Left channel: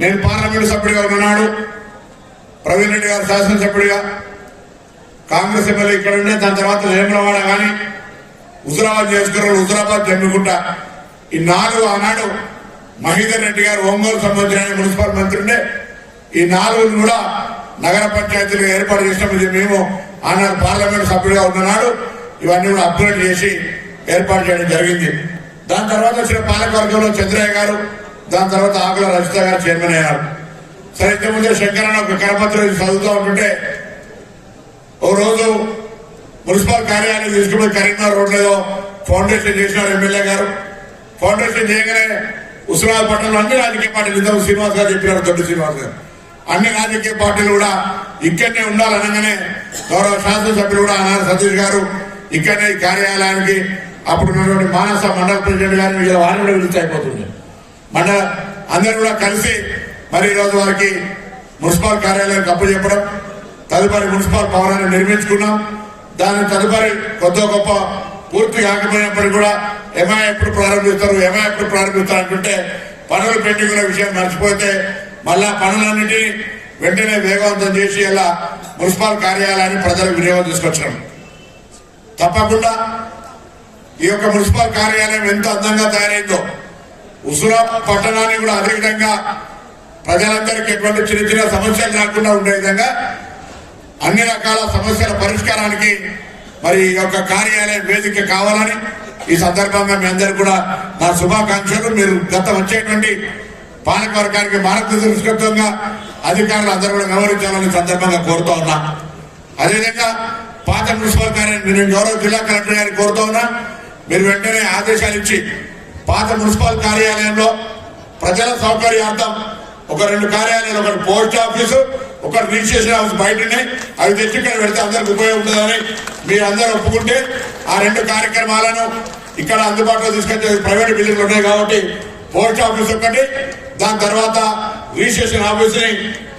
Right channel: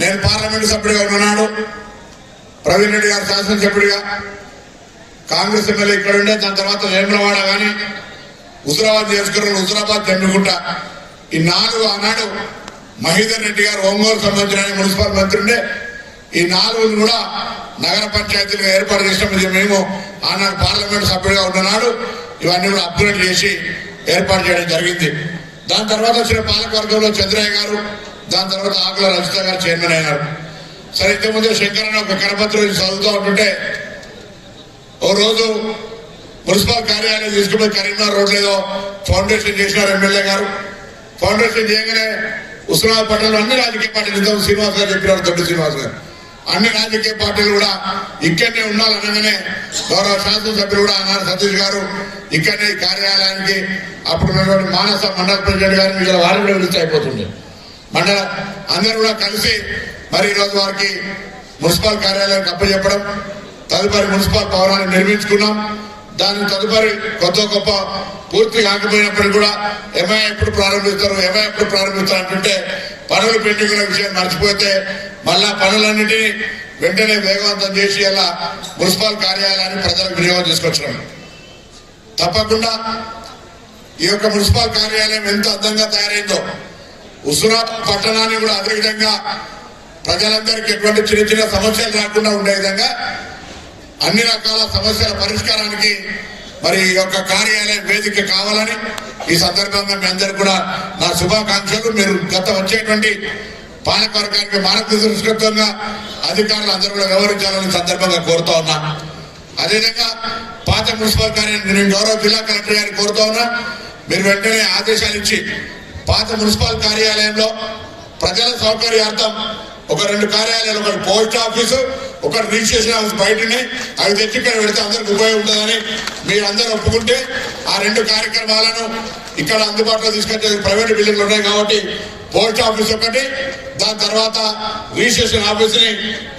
నేను పార్లమెంట్ సభ్యుడిగా ఉన్నాడు. ప్రవీణ్ రెడ్డి గారు శాసనసభ్యుడిగా. కాంగ్రెస్ ఎమ్మెల్యే ఇక్కడ ఉండే దాని తర్వాత వేములవాడ కానీ హుజరాబాద్ చేసుకున్న హుజరాబాద్ జమ్మిగుంట ఈ నాలుగు ఆనాడు మహేందర్ రెడ్డి గారు ఒంగోలు సంబంధించిన మున్సిపల్ మంత్రి ఉండే. ఈ నాలుగును కూడా నగర పంచాయతీలు ఏర్పాటు చేసినప్పుడు మేము ఆనాడు పార్లమెంట్ సభ్యుడిగా ఉన్ననాడు ఇవన్నీ కూడా అప్గ్రేడ్ చేసి ఏర్పాటు చేయడం జరిగింది. దాని తర్వాత వచ్చిన పాలకవర్గంలో చంద్రయ్య గారు దాని తర్వాత ఆకుల రజిత గారు చైర్మన్ అయ్యారు. సరే ఇంతకుముందే శంకరన్న ఒక కరపత్రం చదువుతూ ఉంటుంటే ఓ రోజు మున్సిపల్ కార్యాలయం తీసుకుపోయి కరీంనగర్ రోడ్ ఫౌండేషన్ చేసినారు ఎమ్మెల్యే గారు. ఫౌండేషన్ చేయగానే ఉస్మానాబాద్ పట్టణంలో అన్ని రాజకీయ పార్టీలు ఇంతకు శ్రీనివాస్ గారు చెప్పినారు దొడ్డు శ్రీనివాస్ గారు. అన్ని రాజకీయ పార్టీలు కూడా ఇక్కడనే ఉండాలనగానే గౌరవ శాసనసభ్యులు కూడా అన్నారు సతీష్ గారు ఇక్కడనే కార్యాలయానికి అప్పుడు ఉన్నటువంటి మానస మండల ప్రెసిడెంట్ గారిని వీళ్ళ వారు కూడా విడిచి అయిపోతుంది మండల అందరూ కూడా కలిసి మరి ఈరోజు వారికి మున్సిపల్ కార్యాలయానికి అప్పు చెప్పడం తదుపరి మున్సిపల్ భవనాన్ని నిర్మించుకున్నాం. దాని తదుపరి కొత్త గొప్ప పూర్తి కాకపోయినప్పటికీ కూడా ఎంఐ ఎప్పుడు ప్రారంభిస్తారు ఎంఐ ఎప్పుడు ప్రారంభిస్తారు అంటుంటే పనులు పెండింగ్ విషయం మర్చిపోతే మళ్ళా పనులన్నింటినీ వెంటనే వేగవంతం చేసి అలా మున్సిపల్ కార్యాలయాన్ని ప్రజలకు వినియోగం తీసుకొచ్చడం తప్పకుండా ఈ యొక్క మున్సిపల్ కార్యాలయం ఎంత అందంగా తయారైందో ఉసురా పట్టణాన్ని కూడా అదే విధంగా ప్రజలందరికీ ఎటువంటి చిన్న చిన్న సమస్యలు రాకుండా ఉండే విధంగా అన్ని రకాల సమస్యల పరిష్కారానికి మరి ఈ యొక్క కార్యాలయం వేదిక కావాలని ఈ సందర్భంగా మీ అందరూ కూడా నా శుభాకాంక్షలు. మీరు గత వచ్చేటువంటి పాలకవర్గానికి మార్గదర్శకత్వంగా అధికారులు అందరూ కూడా వ్యవహరించాలని సందర్భంగా కోరుతా ఉన్నా. అదేవిధంగా పాత మున్సిపల్ కార్యాలయం నేను గౌరవ జిల్లా కలెక్టర్ గారిని కోరుతా ఉన్నా. మీరు వెంటనే ఆదేశాలు ఇచ్చి పాత మున్సిపల్ కార్యాలయంలో ప్రజల సౌకర్యార్థం ఒక రెండు కార్యాలయాలు ఒకటి పోస్ట్ ఆఫీసు ఒకటి రిజిస్ట్రేషన్ ఆఫీస్ బయటనే అవి తెచ్చి ఇక్కడ పెడితే అందరికి ఉపయోగపడుతుందని మీరు అందరూ ఒప్పుకుంటే ఆ రెండు కార్యక్రమాలను ఇక్కడ అందుబాటులో తీసుకొచ్చే ప్రైవేట్ బిల్డింగ్లు ఉన్నాయి కాబట్టి పోస్ట్ ఆఫీస్ ఒకటి దాని తర్వాత రిజిస్ట్రేషన్ ఆఫీస్ని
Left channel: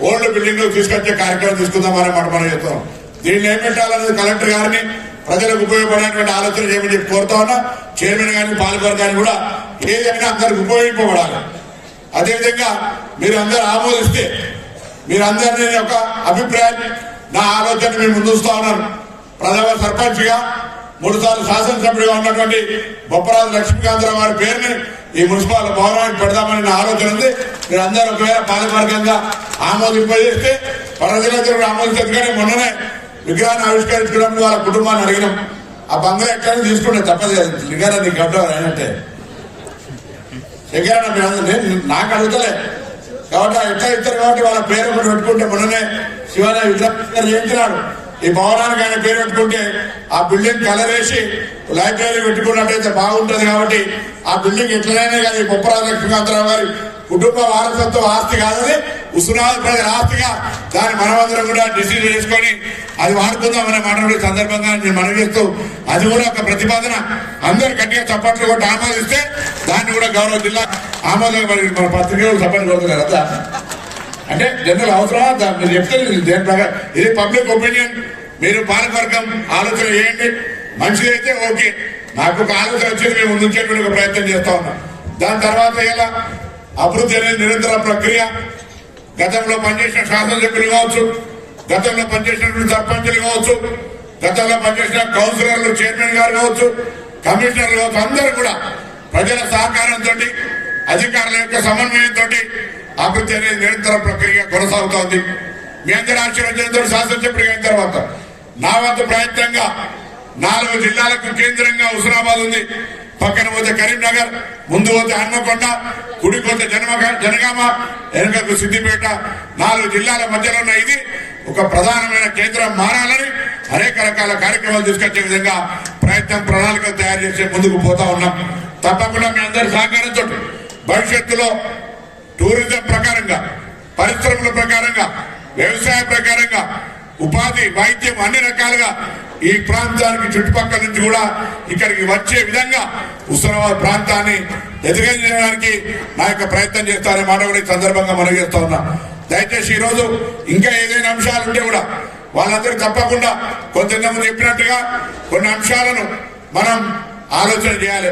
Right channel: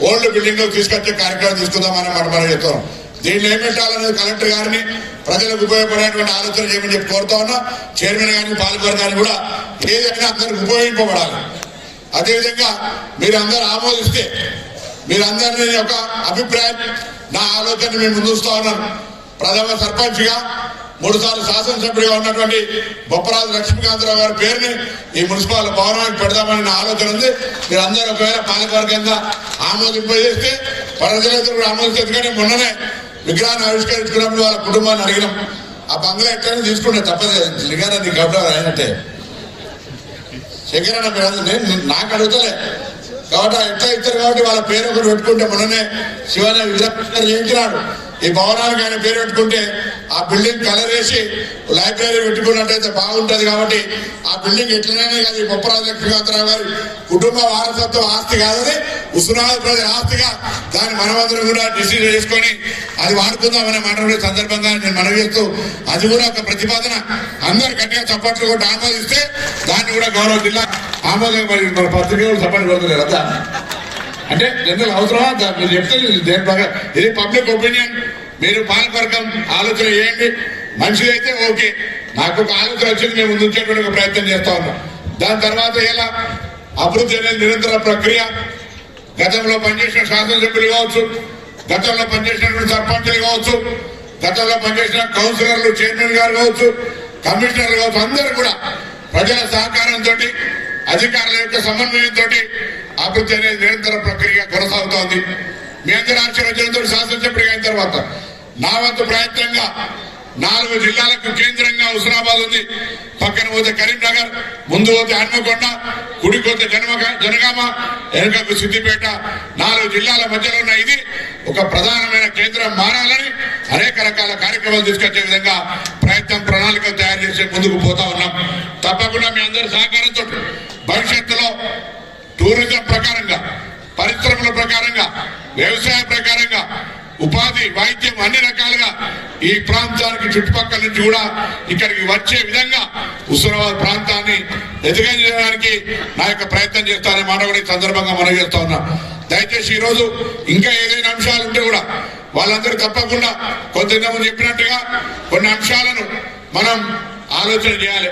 ఓల్డ్ బిల్డింగ్లో తీసుకొచ్చే కార్యక్రమం తీసుకుందామని మనం మనం చెప్తున్నాం. దీన్ని ఏం పెట్టాలనేది కలెక్టర్ గారిని ప్రజలకు ఉపయోగపడేటువంటి ఆలోచన చేయమని చెప్పి కోరుతా ఉన్నా చైర్మన్ గారిని పాలకవర్గాన్ని కూడా ఏదైనా అందరికి ఉపయోగింపబడాలి. అదేవిధంగా మీరు అందరు ఆమోదిస్తే మీరందరినీ ఒక అభిప్రాయం నా ఆలోచన మేము ముందుస్తా ఉన్నాను ప్రథమ సర్పంచ్గా మూడుసార్లు శాసనసభ్యుడిగా ఉన్నటువంటి బొప్పరాజు లక్ష్మీకాంతరావు గారి పేరుని ఈ మున్సిపల్ భవనానికి పెడదామని నా ఆలోచన ఉంది. మీరు అందరూ ఒకవేళ పాలకవర్గంగా ఆమోదింపజేస్తే ప్రజలందరూ కూడా ఆమోదించదు కానీ మొన్ననే విగ్రహాన్ని ఆవిష్కరించుకున్నాం వాళ్ళ కుటుంబాన్ని అడిగినాం. ఆ బంగ్లా ఎక్కడైనా తీసుకుంటే తప్పదు లింగారాన్ని గౌరవం అయినట్టే శంకరన్న నేను నాకు అడుగుతలే. కాబట్టి ఆ ఎట్లా ఇస్తారు కాబట్టి వాళ్ళ పేరు కూడా పెట్టుకుంటే మనమే శివాలయ విద్యార్థి చేయించినాడు. ఈ భవనానికి ఆయన పేరు పెట్టుకుంటే ఆ బిల్డింగ్ కలర్ వేసి లైబ్రరీ పెట్టుకున్నట్టయితే బాగుంటుంది కాబట్టి ఆ బిల్డింగ్ ఎట్లనైనా కాదు ఈ బొప్పరాజు లక్ష్మీకాంతరావు గారి కుటుంబ వారసత్వ ఆస్తి కాదని ఉస్మానాబాద్ ప్రజల ఆస్తిగా దాన్ని మనమందరం కూడా డిసిజన్ చేసుకొని అది వాడుకుందామనే మాట్లాడే సందర్భంగా నేను మనవి చేస్తూ అది కూడా ఒక ప్రతిపాదన. అందరు గట్టిగా చప్పట్లు కూడా ఆమోదిస్తే దాన్ని కూడా గౌరవ జిల్లా ఆమోదం మన పత్రికలు సభలు రోజులు కదా అంటే జనరల్ అవసరమా? మీరు చెప్తే దేని ప్రకారం? ఇది పబ్లిక్ ఒపీనియన్. మీరు పాలకవర్గం ఆలోచన చేయండి. మంచిది అయితే ఓకే. నాకు ఒక ఆలోచన వచ్చింది మేము ముందు ఉంచేటువంటి ఒక ప్రయత్నం చేస్తా ఉన్నాం. దాని తర్వాత ఎలా? అభివృద్ధి అనేది నిరంతర ప్రక్రియ. గతంలో పనిచేసిన శాసనసభ్యులు కావచ్చు గతంలో పనిచేసినటువంటి సర్పంచులు కావచ్చు గతంలో పనిచేసిన కౌన్సిలర్లు చైర్మన్ గారు కావచ్చు కమిషనర్లు కావచ్చు అందరూ కూడా ప్రజల సహకారంతో అధికారుల యొక్క సమన్వయంతో అభివృద్ధి అనేది నిరంతర ప్రక్రియ కొనసాగుతోంది. మీ అందరి ఆశీర్వచనంతో శాసనసభ్యుడిగా అయిన తర్వాత నా వంతు ప్రయత్నంగా నాలుగు జిల్లాలకు కేంద్రంగా హుస్నాబాద్ ఉంది. పక్కన పోతే కరీంనగర్ ముందు పోతే హన్మకొండ కుడి పోతే జనమగ జనగామ వెనుకకు సిద్దిపేట నాలుగు జిల్లాల మధ్యలో ఉన్న ఇది ఒక ప్రధానమైన కేంద్రం మారాలని అనేక రకాల కార్యక్రమాలు తీసుకొచ్చే విధంగా ప్రయత్నం ప్రణాళికలు తయారు చేసే ముందుకు పోతా ఉన్నాం. తప్పకుండా మీ అందరి సహకారంతో భవిష్యత్తులో టూరిజం ప్రకారంగా పరిశ్రమల ప్రకారంగా వ్యవసాయ ప్రకారంగా ఉపాధి వైద్యం అన్ని రకాలుగా ఈ ప్రాంతానికి చుట్టుపక్కల నుంచి కూడా ఇక్కడికి వచ్చే విధంగా హుస్నాబాద్ ప్రాంతాన్ని ఎదుగజేయడానికి నా యొక్క ప్రయత్నం చేస్తాననే మాట కూడా ఈ సందర్భంగా మనం చేస్తా ఉన్నా. దయచేసి ఈరోజు ఇంకా ఏదైనా అంశాలు ఉంటే కూడా వాళ్ళందరూ తప్పకుండా కొంతమంది చెప్పినట్టుగా కొన్ని అంశాలను మనం ఆలోచన చేయాలి.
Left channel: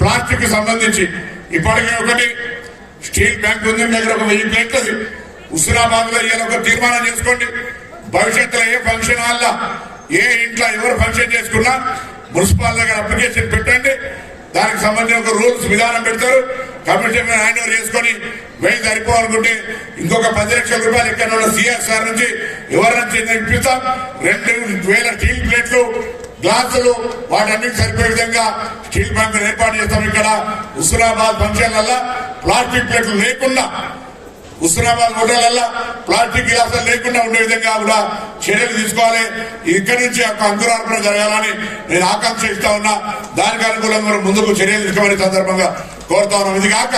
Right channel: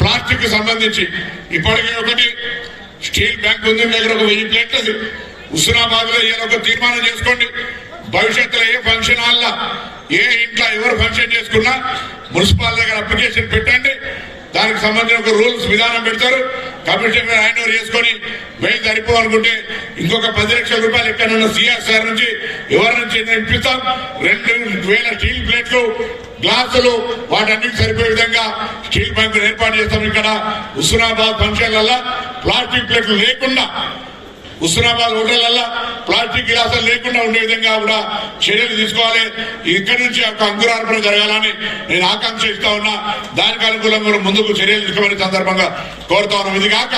ప్లాస్టిక్ సంబంధించి ఇప్పటికే ఒకటి స్టీల్ బ్యాంక్ ఉంది దగ్గర ఒక వెయ్యి ప్లేట్ ఉంది. హుస్నాబాద్లో ఇవాళ ఒక తీర్మానం చేసుకోండి. భవిష్యత్తులో ఏ ఫంక్షన్ హాల్లో ఏ ఇంట్లో ఎవరు ఫంక్షన్ చేసుకున్నా మున్సిపాల్ దగ్గర అప్లికేషన్ పెట్టండి. దానికి సంబంధించిన ఒక రూల్స్ విధానం పెడతారు. కమిషన్ హ్యాండ్ ఓవర్ చేసుకొని వెయ్యి సరిపోవాలనుకుంటే ఇంకొక పది లక్షల రూపాయలు ఇక్కడ ఉన్న సిఎస్ఆర్ నుంచి ఎవరి నుంచి ఇప్పిస్తాం రెండు వేల స్టీల్ ప్లేట్లు గ్లాసులు వాటన్నిటి సరిపోయే విధంగా స్టీల్ బ్యాంకులు ఏర్పాటు చేస్తాం ఇక్కడ హుస్నాబాద్ ఫంక్షన్లలో ప్లాస్టిక్ ప్లేట్లు లేకుండా హుస్నాబాద్ హోటళ్ళలో ప్లాస్టిక్ గ్లాసులు లేకుండా ఉండే విధంగా కూడా చర్యలు తీసుకోవాలి. ఇక్కడి నుంచి ఒక అంకురార్పణ జరగాలని నేను ఆకాంక్షిస్తా ఉన్నా. దానికి అనుకూలంగా మనం ముందుకు చర్యలు తీసుకోమని సందర్భంగా కోరుతా ఉన్నాం. ఇది కాక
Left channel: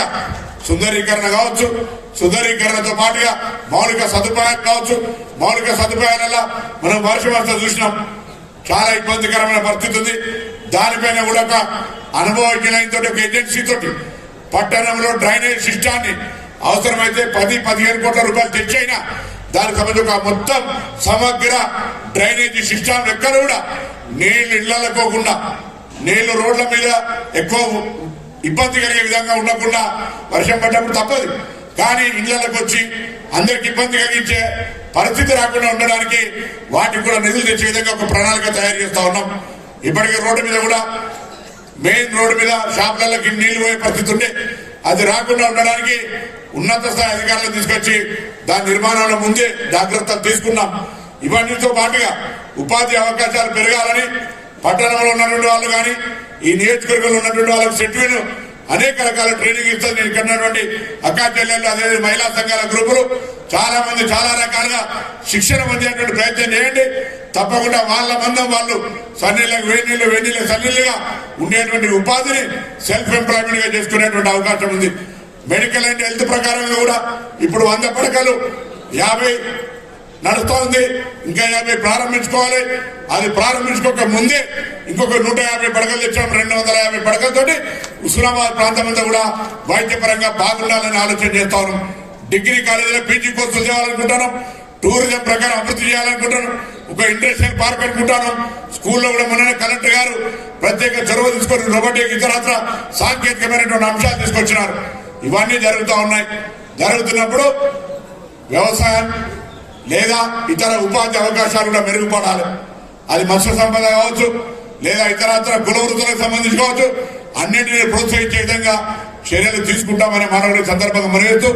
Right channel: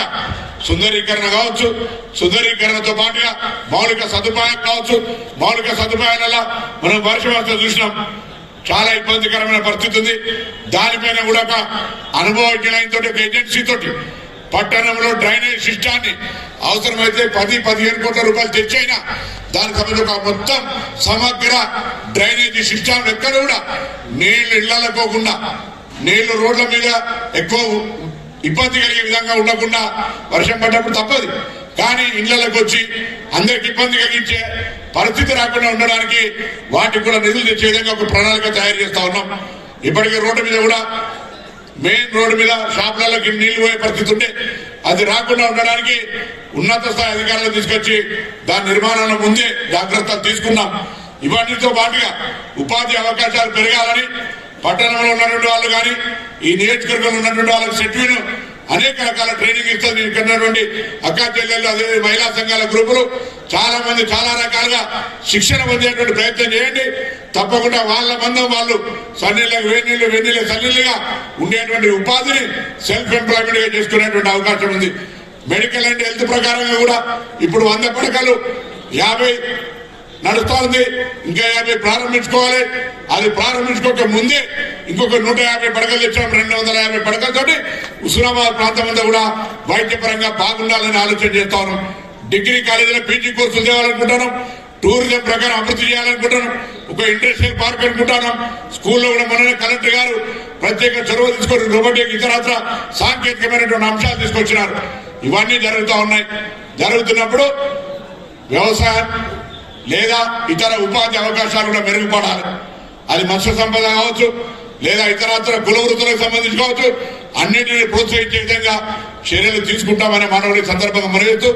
సుందరీకరణ కావచ్చు సుందరీకరణతో పాటుగా మౌలిక సదుపాయం కావచ్చు. మౌలిక సదుపాయాల మనం వర్షం వస్తే చూసినాం. చాలా ఇబ్బందికరమైన పరిస్థితి ఉంది. దానిపైన కూడా ఒక అనుభవజ్ఞులైన ఒక ఏజెన్సీ తోటి పట్టణంలో డ్రైనేజ్ సిస్టాన్ని అవసరమైతే పది పదిహేను కోట్ల రూపాయలు తెచ్చైనా దానికి సంబంధించి ఒక మొత్తం సమగ్ర డ్రైనేజీ సిస్టమ్ ఎక్కడ కూడా నీళ్ళు ఇళ్ళలో పోకుండా నీళ్ళు రోడ్ల మీద ఎక్కువ ఇబ్బంది కలిగే విధంగా ఉండకుండా వర్షం పడ్డప్పుడు తప్పదు. కానీ ఇళ్ళకు వచ్చి అందరికి ఇబ్బంది కలిగించే పరిస్థితి రాకుండా ఉండడానికి వాటికి కూడా నిధులు తెచ్చే విధంగా ఒక ప్రణాళిక తయారు చేస్తా ఉన్నాం. ఇప్పటికీ రోడ్డు మీద కూడా మెయిన్ రోడ్డు మీద షాపులకి నీళ్ళు పోయే పరిస్థితి ఉండే అది రాకుండా ఉండడానికి ఉన్నత స్థాయి అధికారులు తీసుకొచ్చి దాని నిర్మాణాల ముందే జాగ్రత్తలు తీసుకున్నాం ఇవన్నీతో పాటుగా ఉపాధి అవకాశాలు పెరగాలని పట్టణంలో ఉన్నటువంటి వాళ్ళు కానీ ఈ నియోజకవర్గంలో ఉన్నటువంటి వాళ్ళకి సెట్వీలు అనేక రకాల ట్రైనింగ్ ఇస్తారు నేను కన్నటువంటి అక్కా చెల్లెళ్ళు అదే మహిళా సంఘాల గ్రూపులు చాలా మంది చాలా రకాలుగా శిక్షణ పొందేటువంటి ప్రయత్నం చేయండి. తప్పకుండా వాళ్ళ మందం వాళ్ళు సన్నీళ్ళకి వేణీళ్ళు వెన్నీళ్ళ సన్నీళ్ళుగా ఉండేటువంటి ఉపాధిని సెల్ఫ్ ఎంప్లాయ్మెంట్గా చేసుకునేటువంటి అవకాశం ఉంది. మెడికల్ అండ్ హెల్త్ ప్రకారంగా కూడా ఇప్పుడు వంద పడకలు యాభై నడుస్తోంది. ఇంకా యాభై ప్రారంభించుకోవాలి. అది ప్రారంభించుకోక ముందే ఇంకొక నూట యాభై పడకలు ఇచ్చాం రెండు వందల యాభై పడకలతోటి హుస్నాబాద్ ప్రాంతం అంతా కూడా వైద్యపరంగా బాగుండాలని ఆలోచన చేస్తా ఉన్నాం డిగ్రీ కాలేజీలో పీజీ కోర్సులు చేయాలనుకుంటున్నాం. టూరిజం ప్రకారం అభివృద్ధి చేయాలనుకుంటున్నాం. ఒక ఇండస్ట్రియల్ పార్క్ అనుకుంటాను స్కూల్లో కూడా మననే కలెక్టర్ గారు ప్రత్యేక చొరవ తీసుకొని రోబోటిక్ ఇతరత్ర సాంకేతికమైనటువంటి అంశాలు తీసుకొచ్చినారు. ఇవన్నీ జరుగుతూ ఉన్నాయి. జరుగుతున్నప్పుడు వ్యవసాయం లేదా ఇతర ఉపాధి అవకాశాలు కూడా మెరుగుపడాలి. అది మత్స్య సంపద కావచ్చు లేదా ఇతరత్ర కుల వృత్తులకు సంబంధించి కావచ్చు అన్నింటినీ ప్రోత్సహించే విధంగా చర్యలు తీసుకుంటామనే మానవుడి సందర్భంగా మనవేస్తూ